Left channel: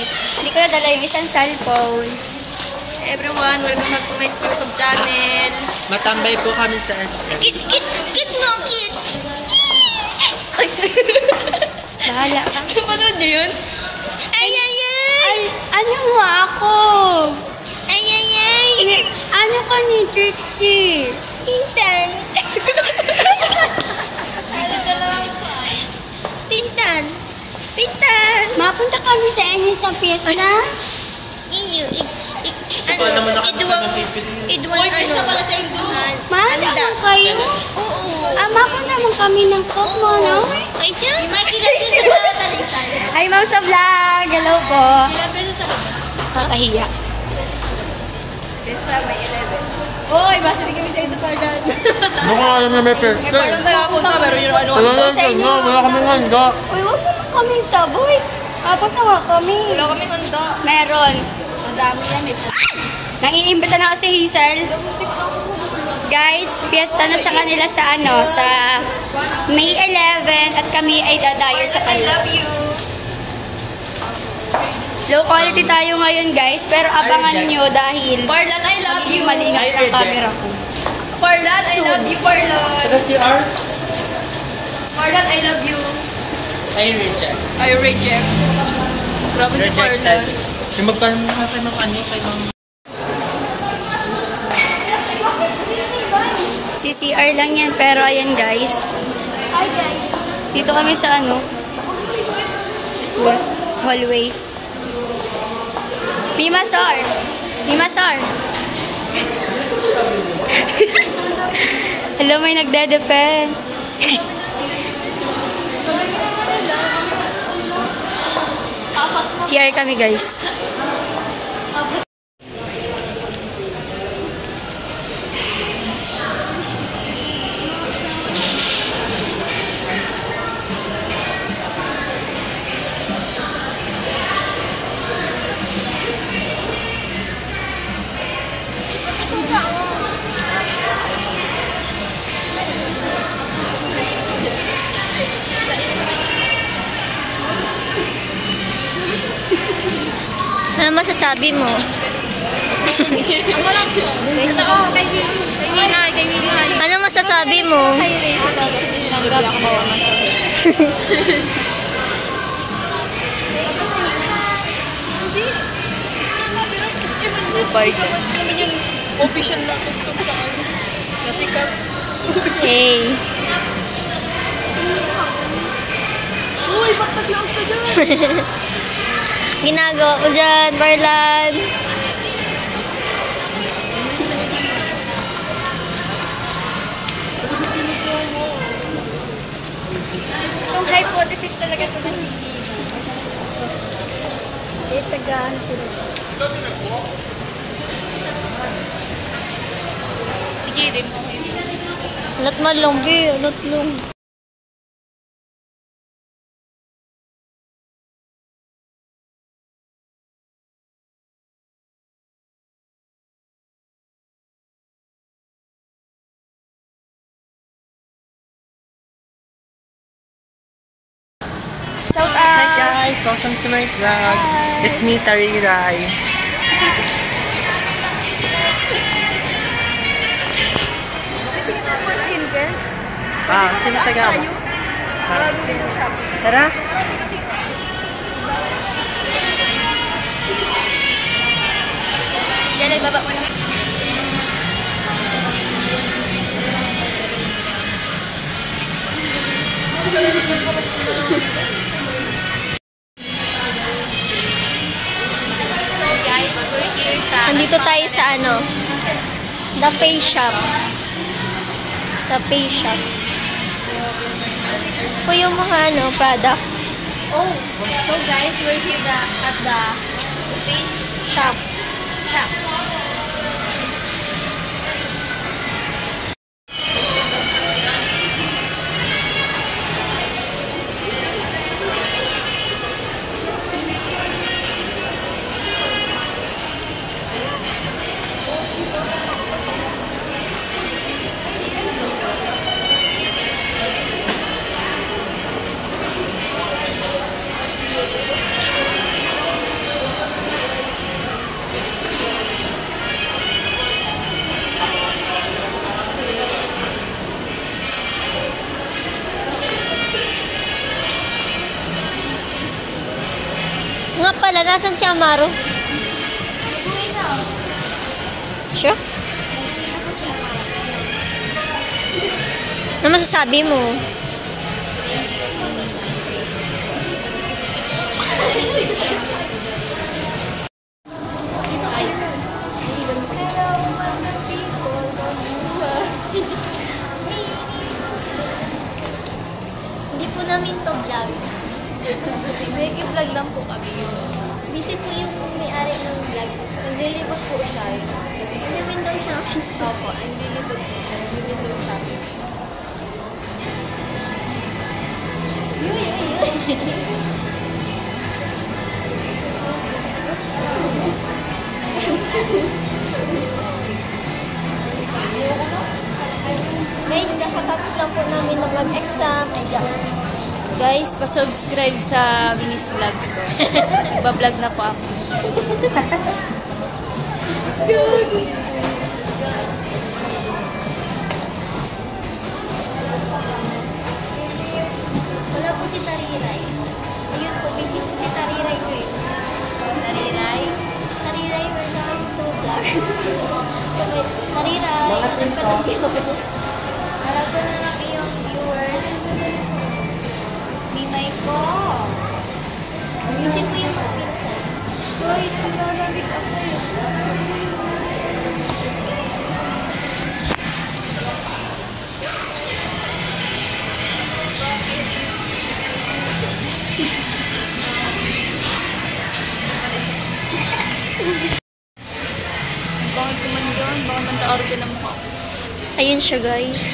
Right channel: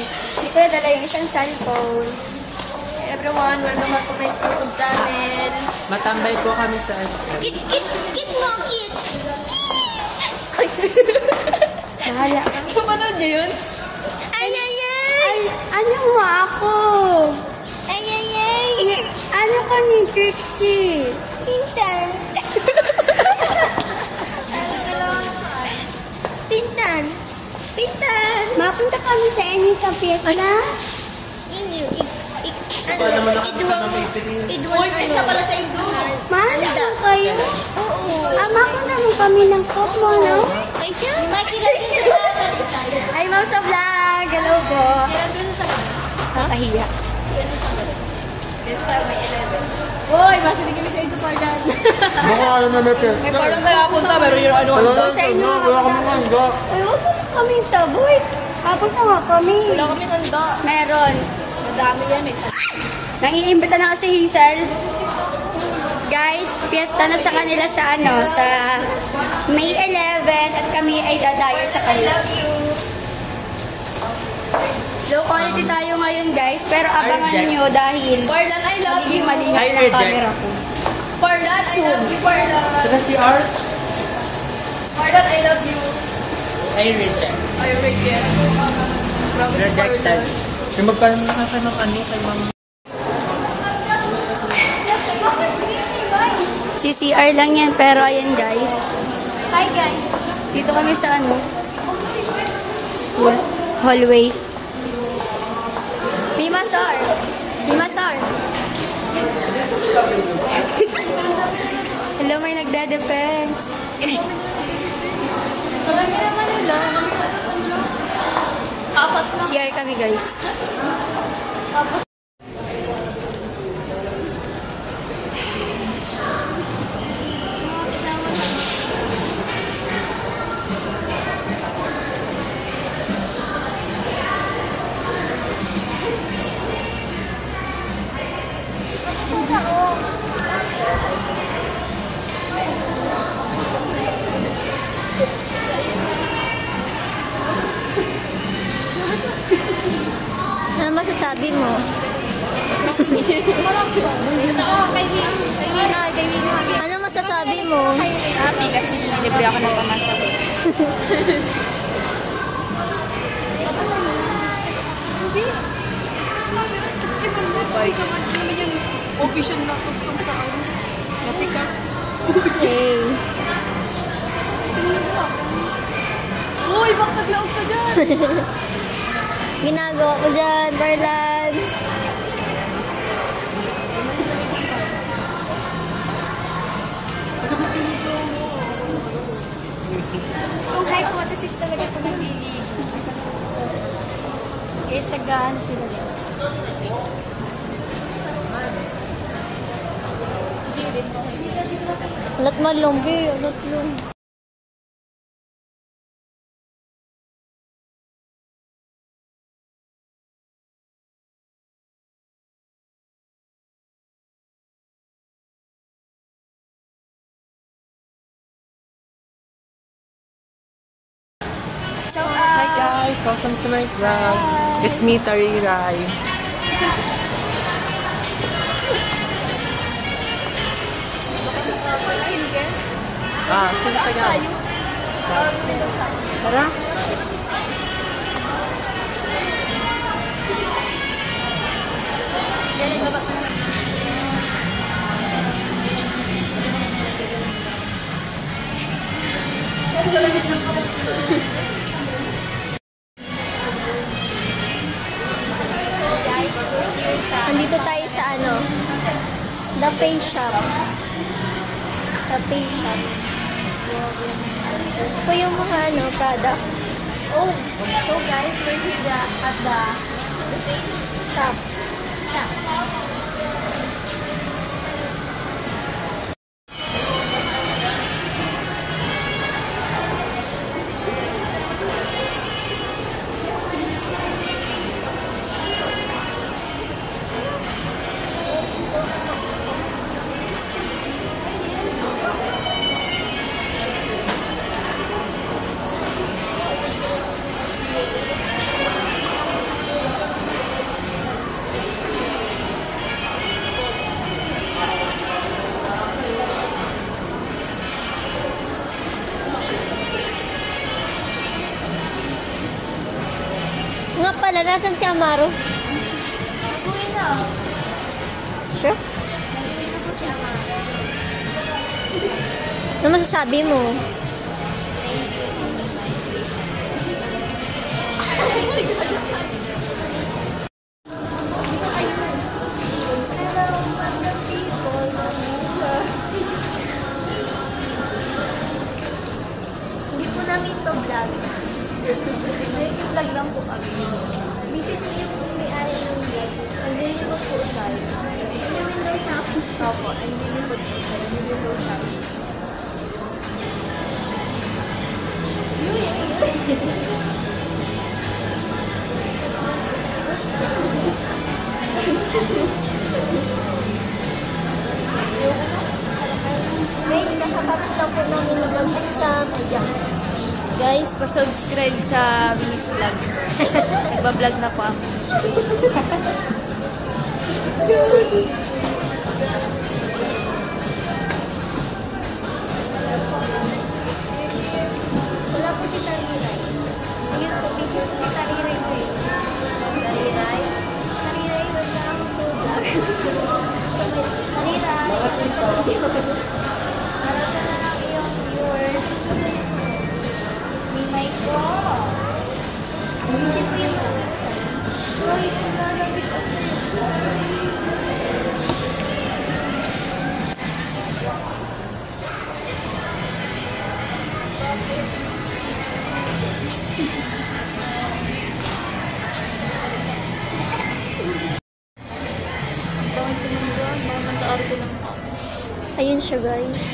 Hindi ko nadala yung isang cellphone. Everyone, welcome back to my YouTube channel. Matambay po kami sa Kit mo, kit! Bahala ka. Kamarad niyo yun? Ay! Ano mo ako? Ay! Ano ka ni Trixie? Pintan. Pintan. Mapunta kami sa inyo sa piyesta. Idwang ano pala sa Indo. Ano kayo? Oo. Mapunta naman kami ng cook mo, no? Ay, Ma'am sa vlog. Hello po. Kakahiya. Hoy, basta bigyan kita ito pa dyan. Hindi ko alam na may peste. May parang nakapunta, pero yung ano. Wala kami handa. Uy, wala na kami taboy. Tapos na nga kami. Wala kami handa. Meron. Ang dami yan, may Nangiimbita na kasi Hazel. Guys, fiesta na sa kanila sa sa May 11 at kami ay dadayo sa I kanila. love you. Low quality tayo ngayon guys, pero abangan nyo dahil Parlan, I love you. malingat ng camera ko. Parlan, I love you, Parlan. Si R? Parlan, I love you. I reject. I reject. Grabe si Parlan. Yung magpapanood ng ano, CCR lang yan, pero ayun guys. Hi guys. Dito kami sa school, hallway. Pimasor! Hello, may nagde-defense. CR kami guys. Ano masasabi mo? Ano masasabi mo? Happy kasi sinalibay ako bawa man sa Official na ako sa kasi Hey. Uy, magtaglaw ka dyan. Ginagawa mo dyan, Marlan. Hypothesis talaga ito ng TV. Yes, tagaan sila. Sige, rin mo. Ulat man lang, B. Ulat lang. Hi guys, welcome to my vlog. It's me, Tariray. Sino taga? Tara. Diyan, nagbaba mo lang. Nandito tayo sa na face shop. Na face shop. Ito yung mga product. Oh, so guys, we're here at the face shop. pala, nasan si Amaro? Sure? Ano masasabi mo? Hindi po namin to vlog. Nag-vlog lang po kami. Busy po yung may-ari ng vlog. Naglilibot po siya. Hindi window shopping. Opo, naglilibot po. Window shopping. Guys, nakatapos lang po namin na mag-exam. Guys, pa-subscribe sa Minis Vlog. Nagba-vlog na po ako. Wala po si Tariray. Ayun po, busy po si Tariray ngayon. Tariray? Tariray, welcome to vlog. Tariray, welcome to vlog. Marami na lang yung viewers. Minay po. Busy po yung pizza. Guys, maraming big offense. Bakit kuman doon? Baka manta-aro ko ng mukha. Ayun siya, guys.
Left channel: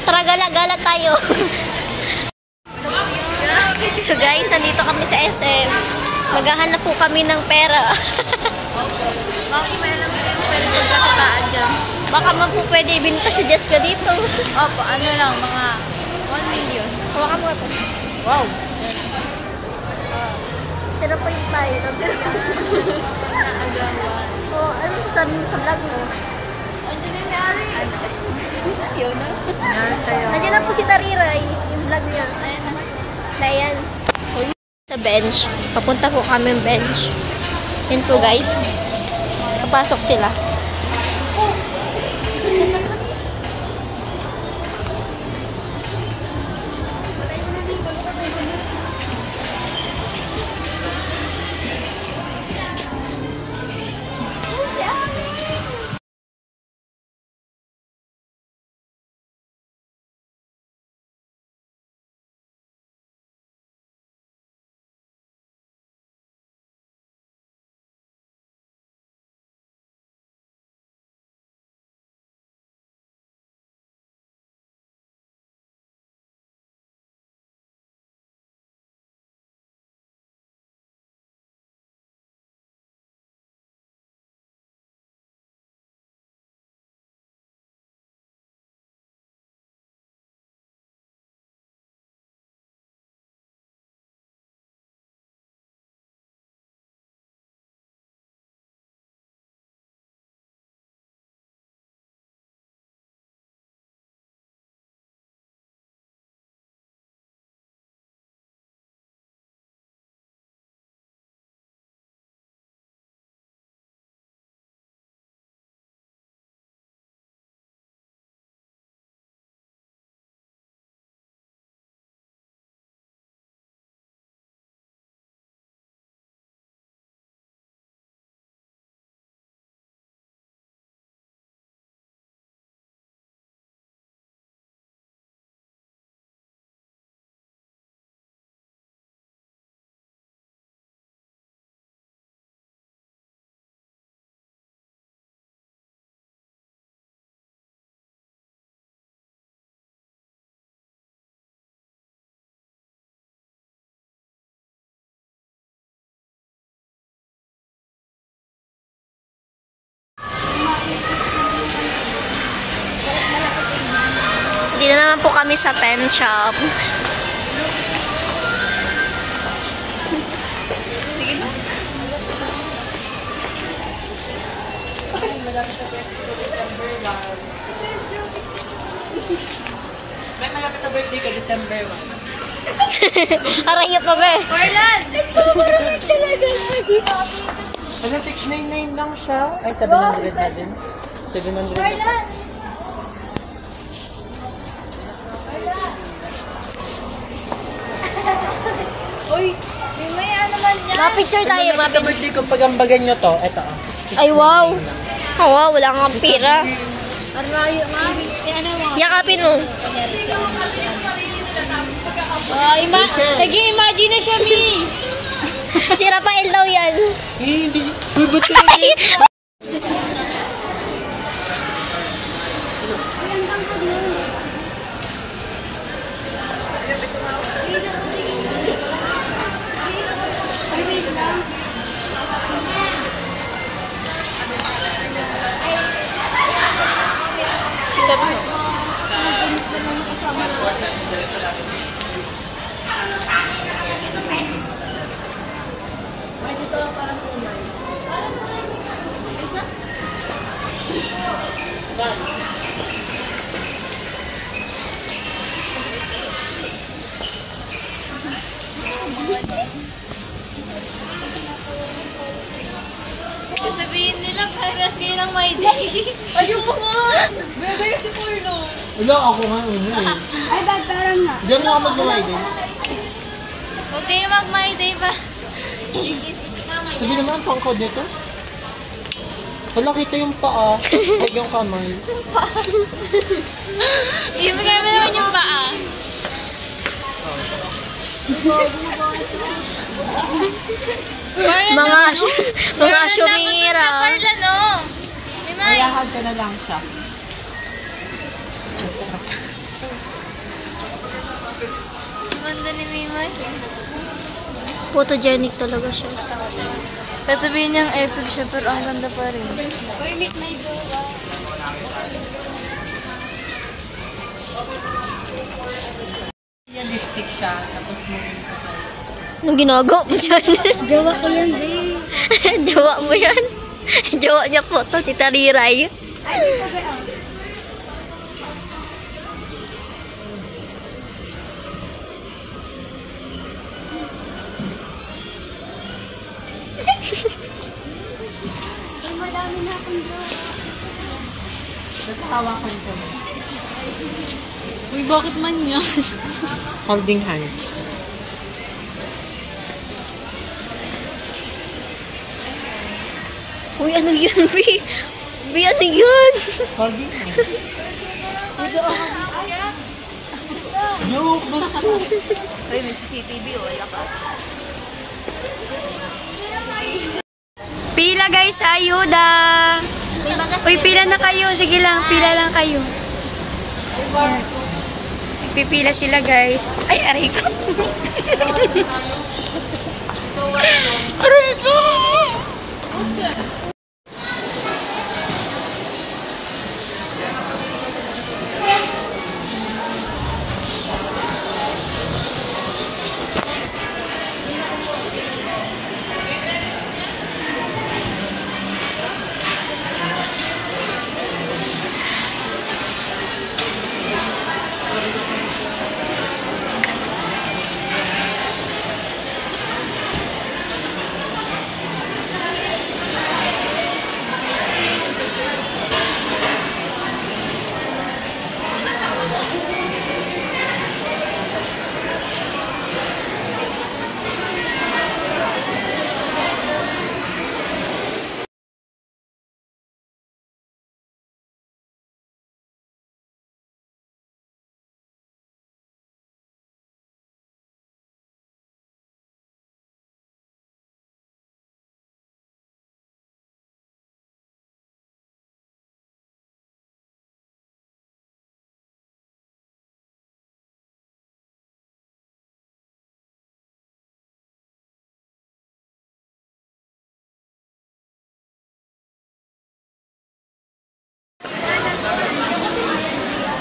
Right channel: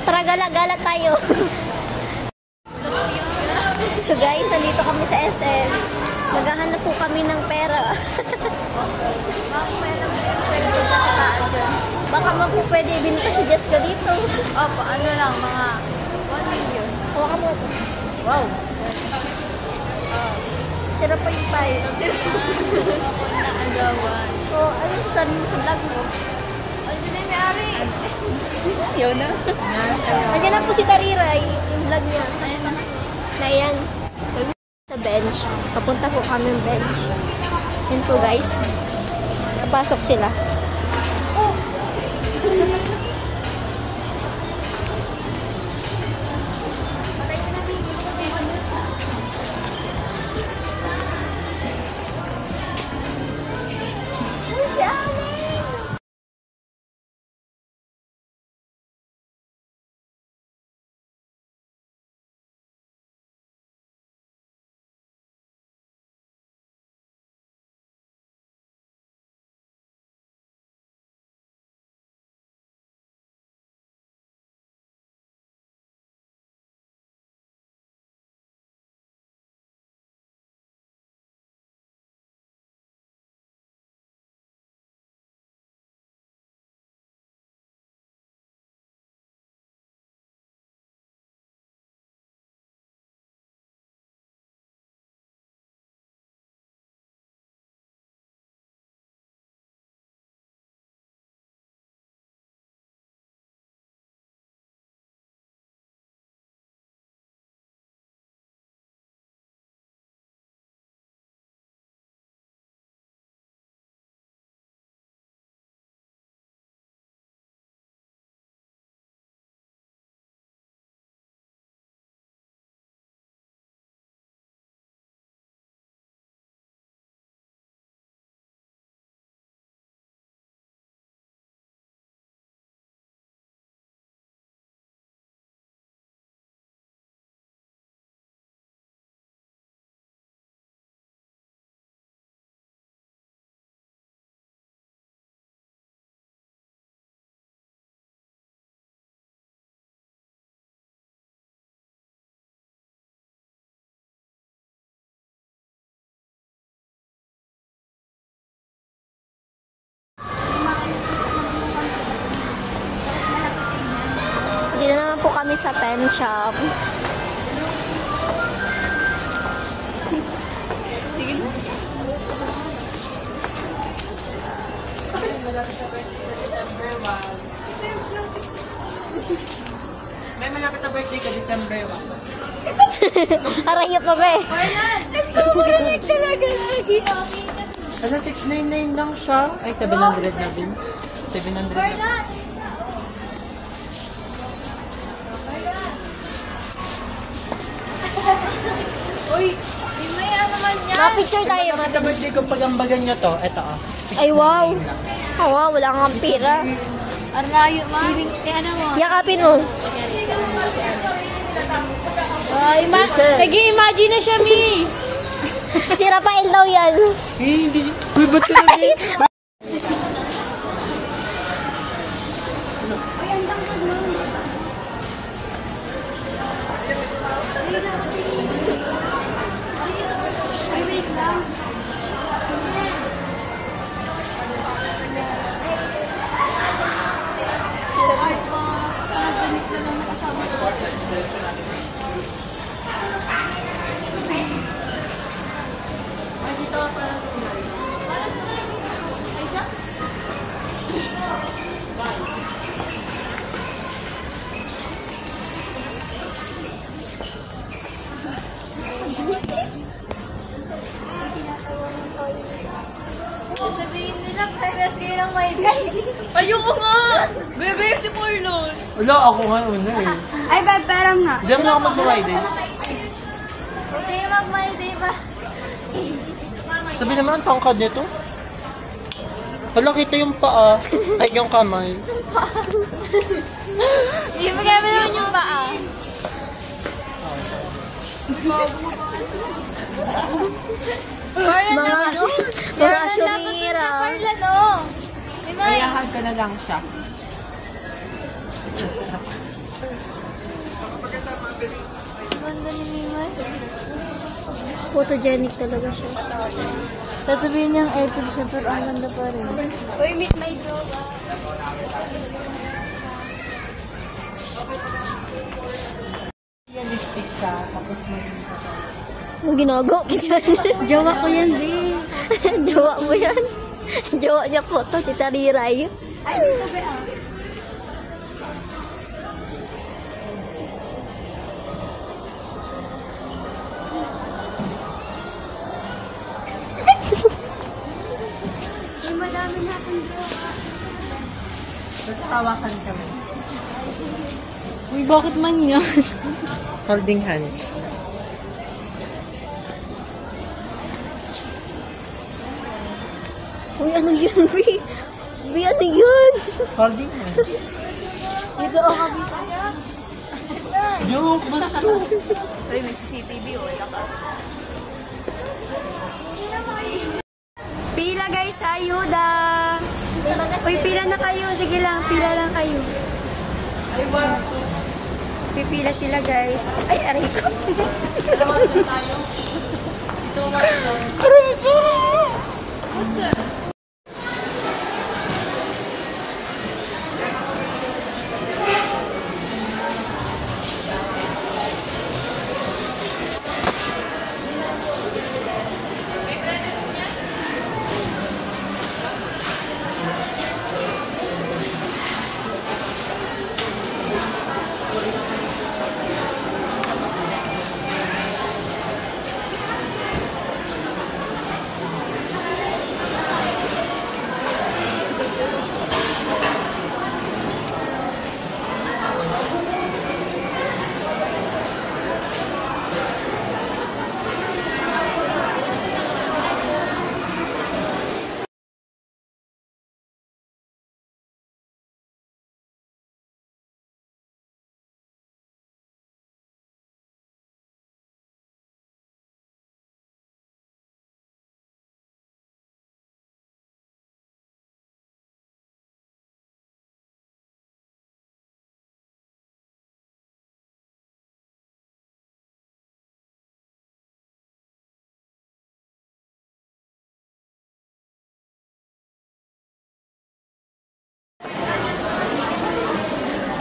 Tara, gala-gala tayo. So guys, nandito kami sa SM. Maghahanap po kami ng pera. Baka magpupwede ibinta si Jessica dito. Opo, ano lang, mga 1 million. Wow. Sino pa yung tayo? Naagawan. Oh, ano sasabi mo sa vlog mo? Andiyan na yung may-ari. Yun na. Nandiyan na po si Tariray. Yung vlog niya. Na yan. Sa bench. Papunta po kami ng bench. Yan po guys. Papasok sila. lang po kami sa pen shop. May malapit na birthday ka, December 1. Aray pa ba eh. Marlan! Nagtutuloy talaga lagi. Ano, 699 lang siya? Ay, 700 na din. 700 na. Marlan! Uy, yung may ano man yan. Ma-picture tayo, Malapit na ma-picture. birthday ko, pagambagan nyo to. Ito, oh. Ay, wow. Oh, wow, wala kang pira. Arayo, mami. Ano mo? Yakapin mo. Nag-i-imagine na siya, Mi. Si Rafael daw yan. Eh, hindi. Uy, ba't talaga? Sabihin nila, parehas kayo ng my day. Ayoko nga! Gaya si Marlon. Wala, ako nga una eh. Ay, parang nga. Diyan na ako mag-Friday. Huwag kayo mag-my day ba? Sabi naman, ang tangkad nito. Wala, kita yung paa. Ay, yung kamay. Hindi mo naman yung paa. Mga sumira. Marlan, oh. May Lahag ko na lang siya. ganda ni Mimay. Photogenic talaga siya. Sabihin niyang epic siya, pero ang ganda pa rin. Uy, meet my Realistic siya. Tapos Anong ginagawa mo dyan? Jowa ko yan, di. Jowa mo yan? Jowa niya po to, si Tariray. Madami na akong jowa. hawakan ka mo. Uy, bakit man yan? Holding hands. Uy, ano yun, B? B, ano yun? Holding hands. Dito ako. Look, basta. Uy, may CCTV, wala ka. Pila guys, sa ayuda. Uy, pila na kayo. Sige lang, pila lang kayo. Pipila sila guys. Ay, aray ko. Aray ko!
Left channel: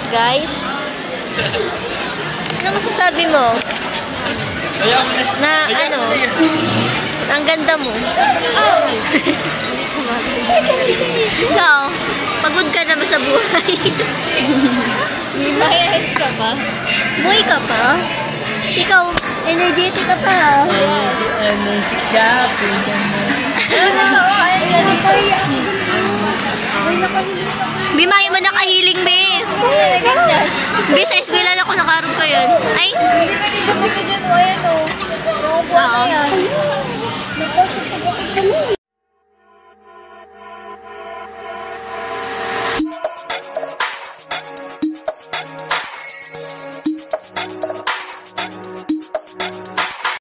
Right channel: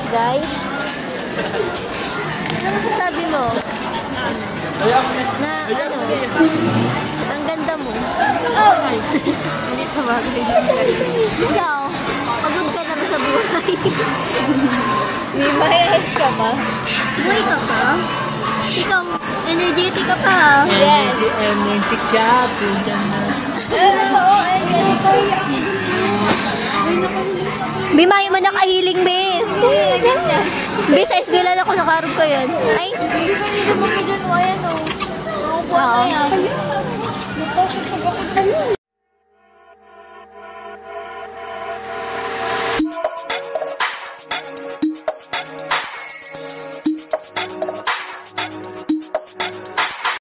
Guys, Ano masasabi mo? Na ano? Ang ganda mo. Ikaw, pagod ka na ba sa buhay? May ex ka ba? Buhay ka pa? Ikaw, energetic ka pa ha? Energy gap. Bimay mo nakahiling, be. Be, sa eskwela lang ako nakarap ko yun. Ay, Hindi ka nilubog